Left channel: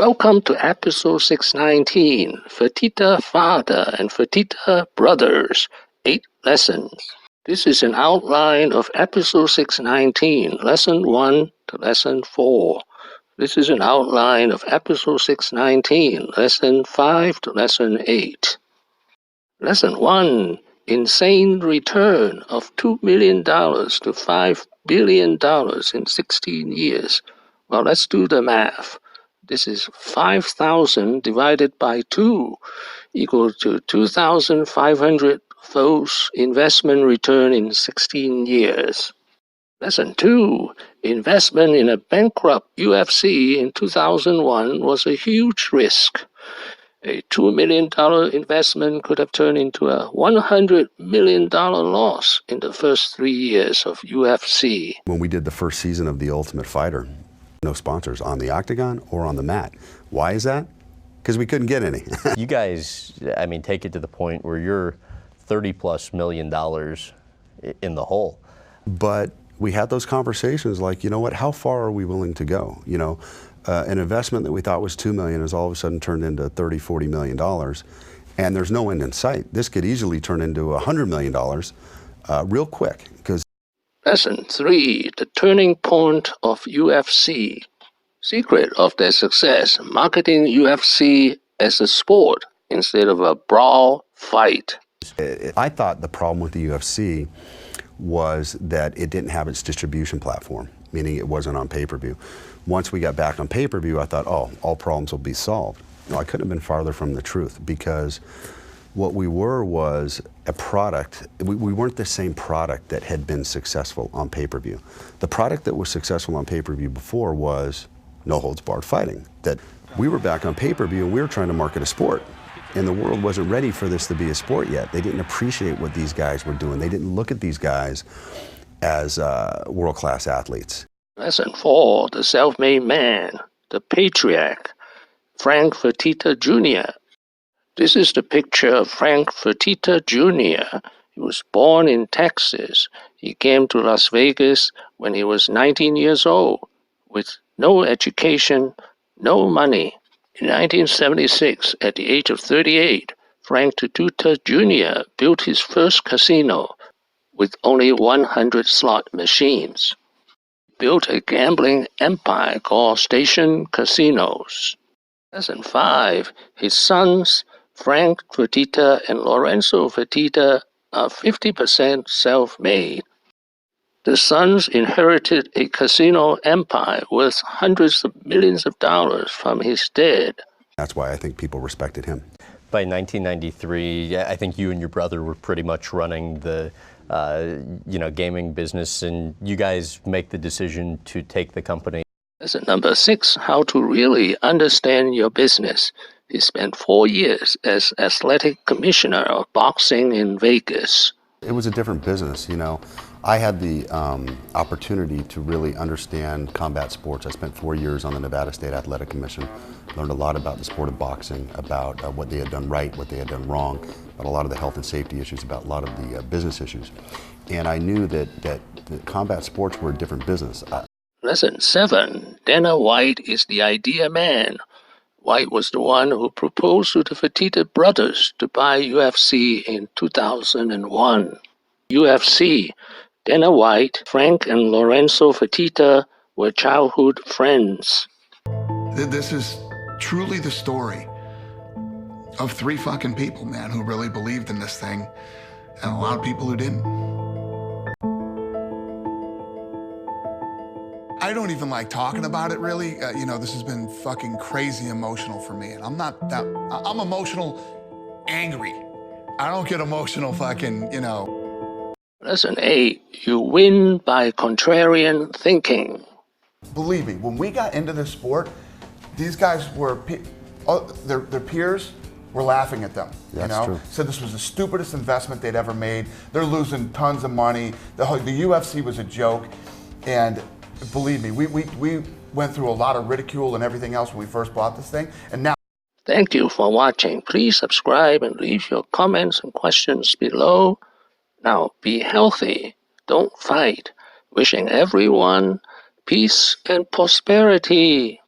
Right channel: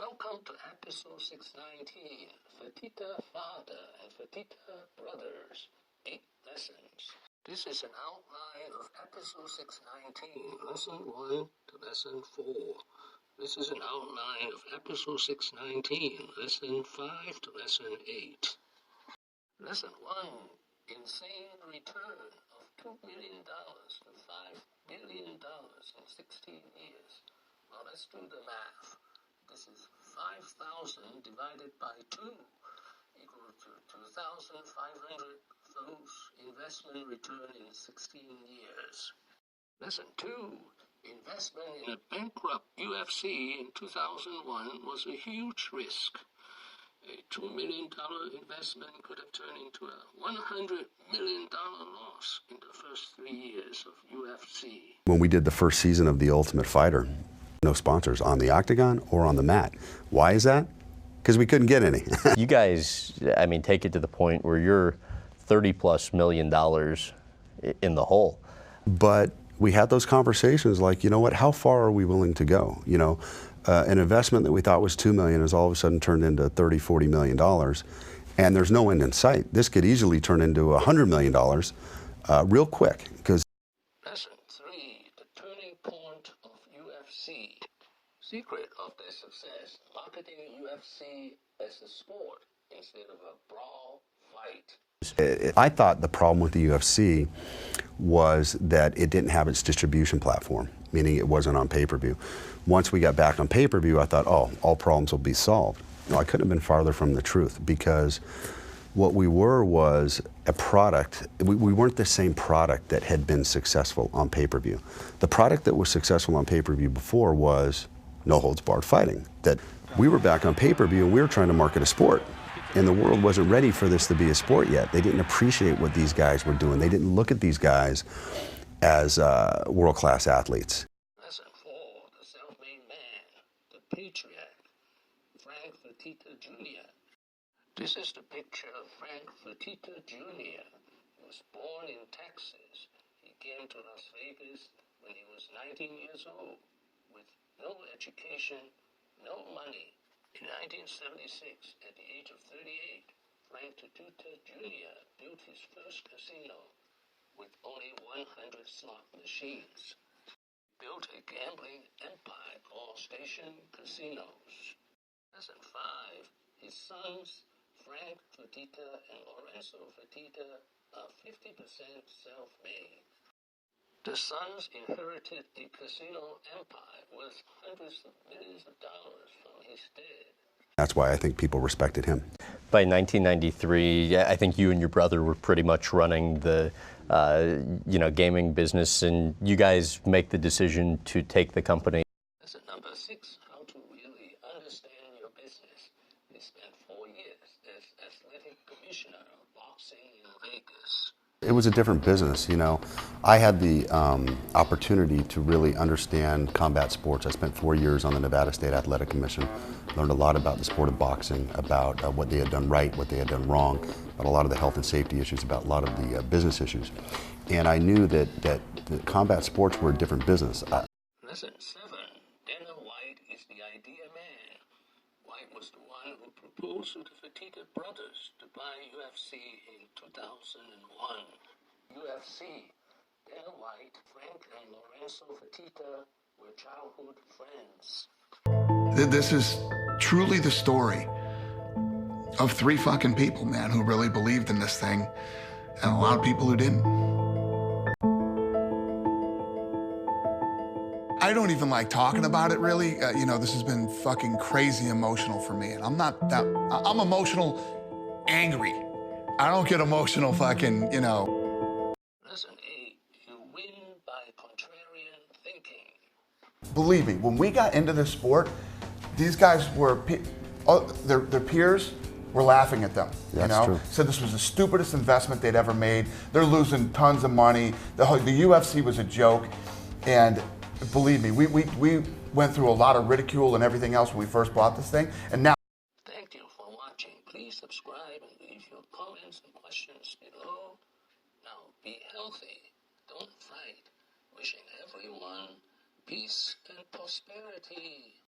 Welcome to episode 619, Fertitta Father and Fertitta Brothers, 8 Lessons. This is an outline of episode 619, lesson 1 to lesson 4. This is an outline of episode 619, lesson 5 to lesson 8. Lesson 1, insane return of $2 million to $5 billion in 16 years. Well, let's do the math. This is 5,000 divided by 2 equal to 2,500 folds investment return in 16 years. Lesson 2, investment in a bankrupt UFC in 2001 was a huge risk. A $2 million investment could have turned into a $100 million loss in the first 3 years of UFC. When we did the first season of The Ultimate Fighter, no sponsors on the octagon or on the mat. Why is that? Because we couldn't get any. You guys, I mean, take it to the point where you're $30+ million in the hole. But we had those conversations like, you know what, how far are we willing to go? You know, an investment that we thought was $2 million has all of a sudden turned into $30–40 million, and there's no end in sight. This could easily turn into $100 million real quick. Because Lesson 3, the turning point of UFC. Secret of their success, marketing UFC as a sport instead of a brawl fight. I thought the problem with the UFC was that it didn't have its distribution platform, meaning it wasn't on pay-per-view. Once we got back on pay-per-view, I thought, oh, all problems will be solved. No, I couldn't have been farther from the truth, because what we were was a product. We weren't the same product that had been successful on pay-per-view. The product that was successful on pay-per-view before was no-holds-barred fighting. That we were back on pay-per-view and we were trying to market a sport. And the world wasn't ready for this to be a sport yet. They didn't appreciate what these guys were doing. They didn't look at these guys as world-class athletes. Lesson 4, the self-made man, the Patriach, Frank Fertitta Jr. This is the picture of Frank Fertitta Jr. He was born in Texas. He came to Las Vegas when he was 19 years old, with no education, no money. In 1976, at the age of 38, Frank Fertitta Jr. built his first casino with only 100 slot machines. He built a gambling empire called Station Casinos. Lesson 5, his sons, Frank Fertitta and Lorenzo Fertitta, are 50% self-made. The sons inherited a casino empire worth hundreds of millions of dollars from his dad. That's why I think people respected him. By 1993, I think you and your brother were pretty much running the gaming business, and you guys make the decision to take the company. Lesson number 6, how to really understand your business. He spent 4 years as athletic commissioner of boxing in Vegas. It was a different business, you know. I had the opportunity to really understand combat sports. I spent 4 years on the Nevada State Athletic Commission, learned a lot about the sport of boxing, about what they had done right, what they had done wrong, about a lot of the health and safety issues, about a lot of the business issues. And I knew that the combat sports were a different business. Lesson 7, Dana White is the idea man. White was the one who proposed to the Fertitta Brothers to buy UFC in 2001. UFC, Dana White, Frank and Lorenzo Fertitta were childhood friends. This is truly the story of 3 fucking people, man, who really believed in this thing, and a lot of people who didn't. I don't even like talking about it, really. This has been fucking crazy emotional for me, and I'm emotional angry. I don't get emotional fucking, Lesson 8, you win by contrarian thinking. Believe me, when we got into this sport, these guys were, their peers were laughing at them, True. Said this was the stupidest investment they'd ever made. They're losing tons of money. The UFC was a joke, and believe me, we went through a lot of ridicule and everything else when we first bought this thing, and now. Thank you for watching. Please subscribe and leave your comments and questions below. Now be healthy, don't fight. Wishing everyone peace and prosperity.